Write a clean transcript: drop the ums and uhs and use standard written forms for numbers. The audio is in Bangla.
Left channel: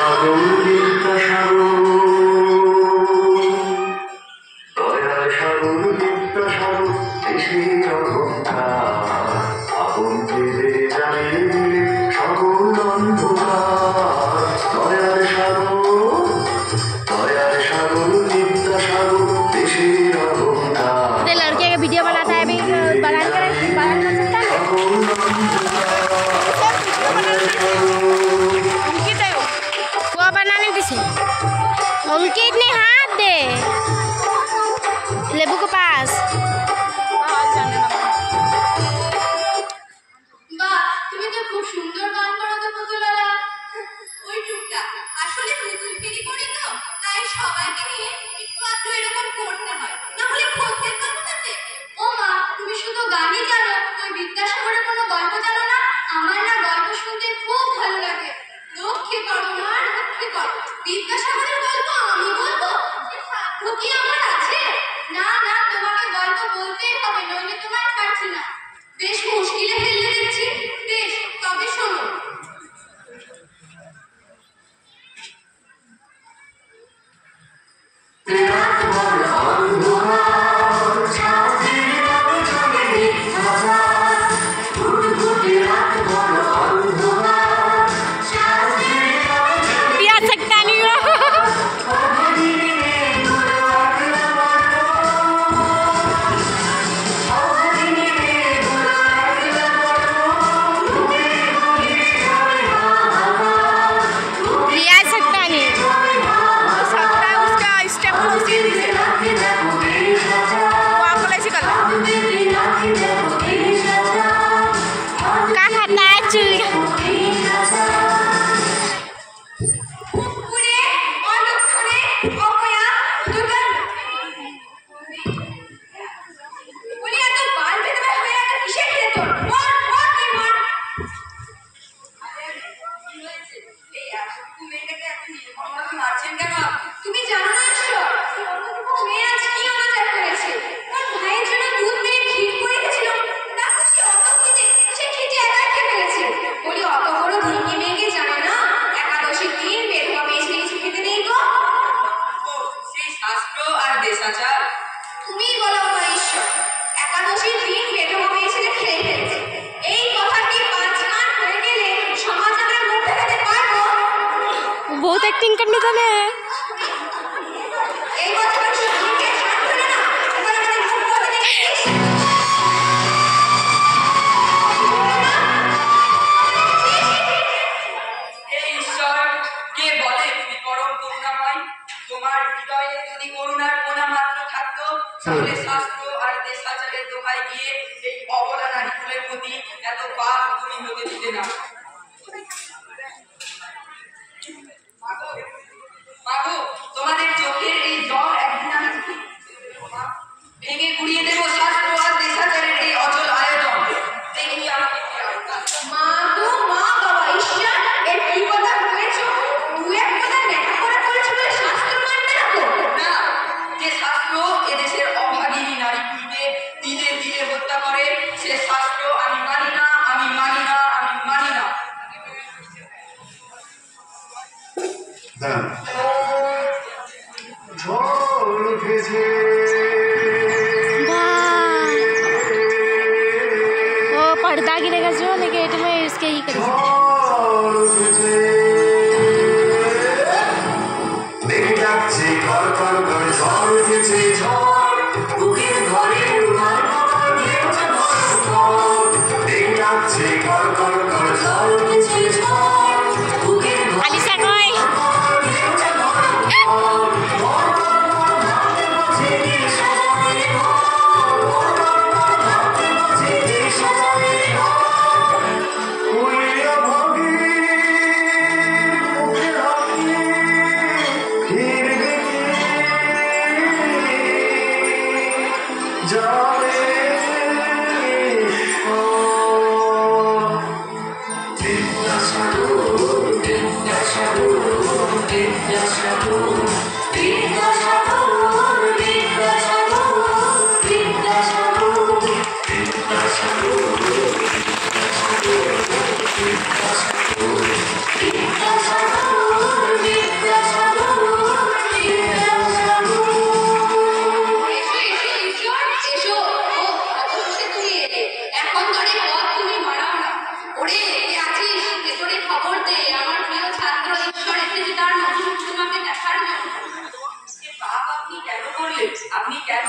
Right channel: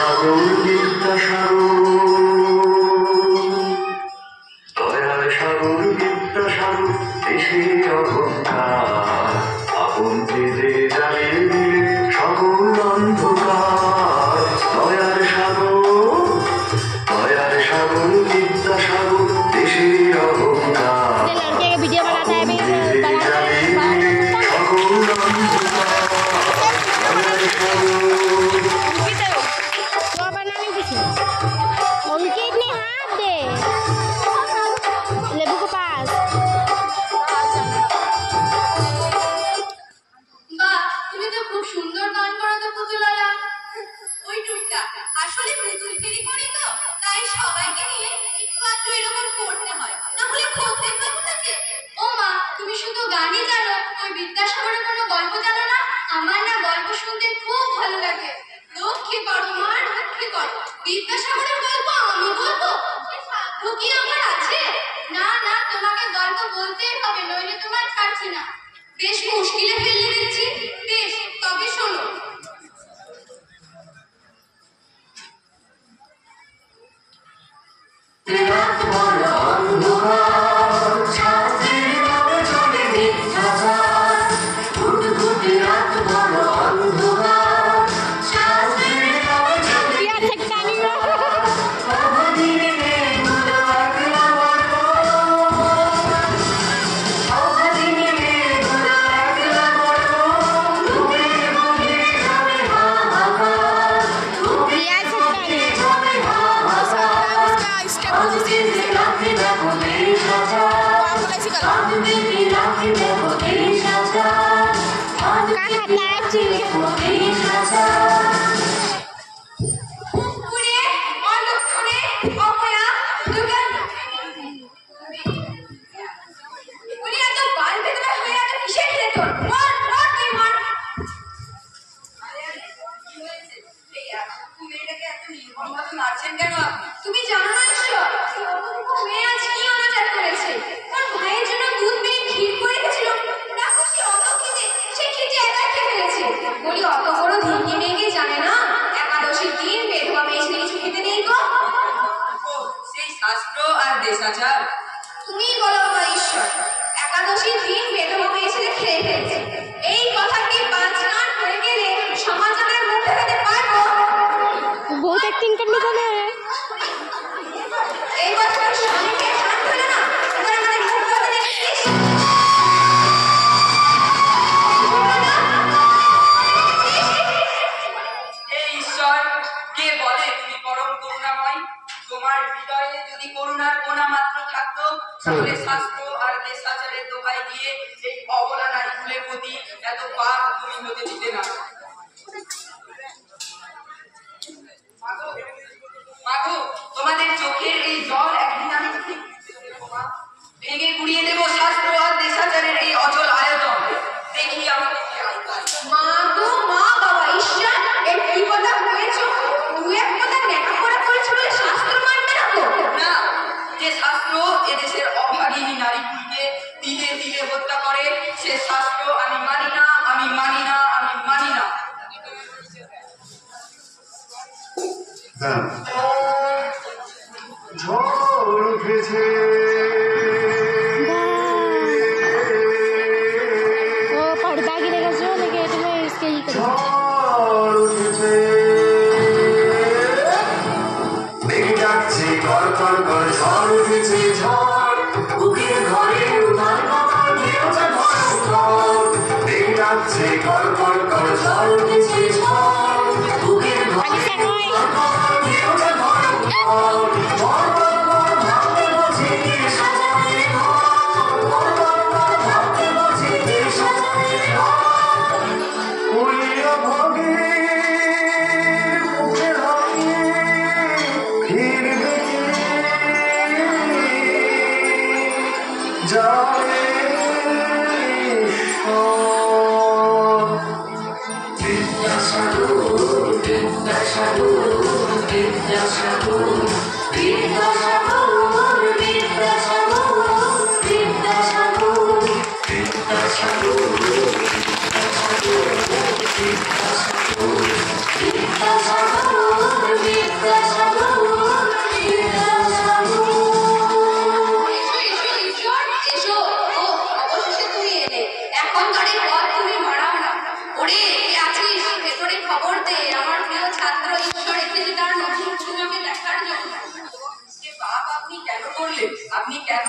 আগুন বিদ্যাসাগর দয়ার সাগর বিদ্যাসাগর দেশের অহংকার আপন ভেবে জ্বালিয়ে দিলে সকল অন্ধকার দয়ার সাগর বিদ্যাসাগর দেশের অহংকার वीडियो बनाता है अभी সকল অন্ধকার वो बनाने दीजिए उनके इतने हाथ दे लेबू के पास তুমি তো খুব সুন্দর গান করো তো পুতুলারা ওই টুকটা আসলে পুতুলকেই করি তো তাই সবাইকে নিয়ে একটু আধটু এরকম করতে হয় না হলে করতে পারবো নাকি ও মা তুমি শুধু গানই জানো ওই বিদ্যাসাগরের কোনো গল্প জানো না আমার না গল্প শুনতে খুব ভালো লাগে লক্ষ্মী করো মা লক্ষ্মী করো বিদ্যাসাগরের গল্প আমি বলবো সাধ্য কি আমার আছে না না তোমাকে গল্প বলতেই হবে নইলে তোমার ছাড়ছি না বেশ মুশকিলে ফেলে দিচ্ছি বেশ তবে শোনো রাত বড় অন্ধকার ছাদের নামে চলে মিথ্যাচার ঘুটঘুটে রাত বড় অন্ধকার ছাদের নামে চলে पिया सकता नहीं हो অবদিনে মেঘগুলো একলা বড় অবদিনে মেঘগুলো একলা বড় ঘুরে ঘুরে যাবে হাহাকার पिया सकता नहीं उसका स्टेप রাখি দেখো দেশ আচার দিদি রাখি দেখো দেশ আচার का खाता है चूड़ा দেশ আচার পুরে অলক্ষণে অপয়া দুর্গা বলি এত বাল বেদবা হয়ে এত কিসের খেলে তোর মর মর তুই মর এই মেয়েটাকে এত নির্মম ভাবে মারছেন কেন তুমি জানো না ঈশ্বর মেয়ে আজ কি আমাদের করেছে ওর ভাইয়ের জন্য দুধ মেয়ে ক্ষীর করে গেছিল দেখো সে অত খেতে সে খেতে একা খেয়ে ফেলেছে বলি অত বড় ধনী মেয়েকে জানে না একাদশীর দিন বেধবা মেয়ে ছেলে কিছু খেতে নেই গো সেই শাস্ত্র আর দেশাচার তুমি বলো বাবা ঈশ্বর একাদশীর দিন বেধবা মেয়ে ছেলে খেয়ে ফেলছে এই কথা কি পাঁচ গান হয়ে গেলে সমাজের মুখ দেখাতে পারবো बहुत एक्टिंग करने का है এই কথাটা স্বামীকে ঠাট করে না এবার মানে মুখ কথা দেখিস হে ঈশ্বর কে বলে তুমি পরম করুণাময় তোমার হৃদয়ে যদি করুণার কোনা মাত্র থাকতো তাহলে শাস্ত্র আর দেশাচারের দোহাই দিয়ে এই অবলা নারীকুলের প্রতি এত পাপ তুমি হতে দিতে না মাগো তোমাদের চোখের এই জল একদিন আমি ভেঙে গুড়িয়ে দেবো শাস্ত্র আর দেশাচারের এই অচল আয়োজন দেখি আমাকে কি আওতায়। মা গো মা বাবা ঈশ্বর এর কি কথা হয়েছে দু এক কথা দেখা করে বলেছে বলে শাস্ত্র মানবে না তো না যে শাস্ত্র এদেশের অভাগিনী নারীকুলকে দিনে দিনে হত্যা করে সে শাস্ত্র আমি মানি না আমি মানি না আমি মানি না ঝড় উঠেছে वो पर्दा गिरेगा जो लेकिन में इसके ही करेंगे ঝড় উঠেছে মেঘ ডাকছে কর কর কর ঝড় উঠেছে ঝড় বুকের ঘরে উড়ার মতো ঢেউটা ভয়ঙ্কর মেঘ ডাকছে কর কর কর ঝড় উঠেছে ঝড় বুকের ঘরে अलीशा कोई ঢেউটা ভয়ঙ্কর বড় বড় ভাবতে বসে সাজাবে ঘর বড় বড় ভাবতে বসে সাজাবে ঘর উড়িয়ে ভাগে মুখে হাতে ফিরবে যায় বিদ্যাসাগর বিদ্যাসাগর বিদ্যাসাগর বিদ্যাসাগর বিদ্যাসাগর বিদ্যাসাগর বিদ্যাসাগর আপনি কেন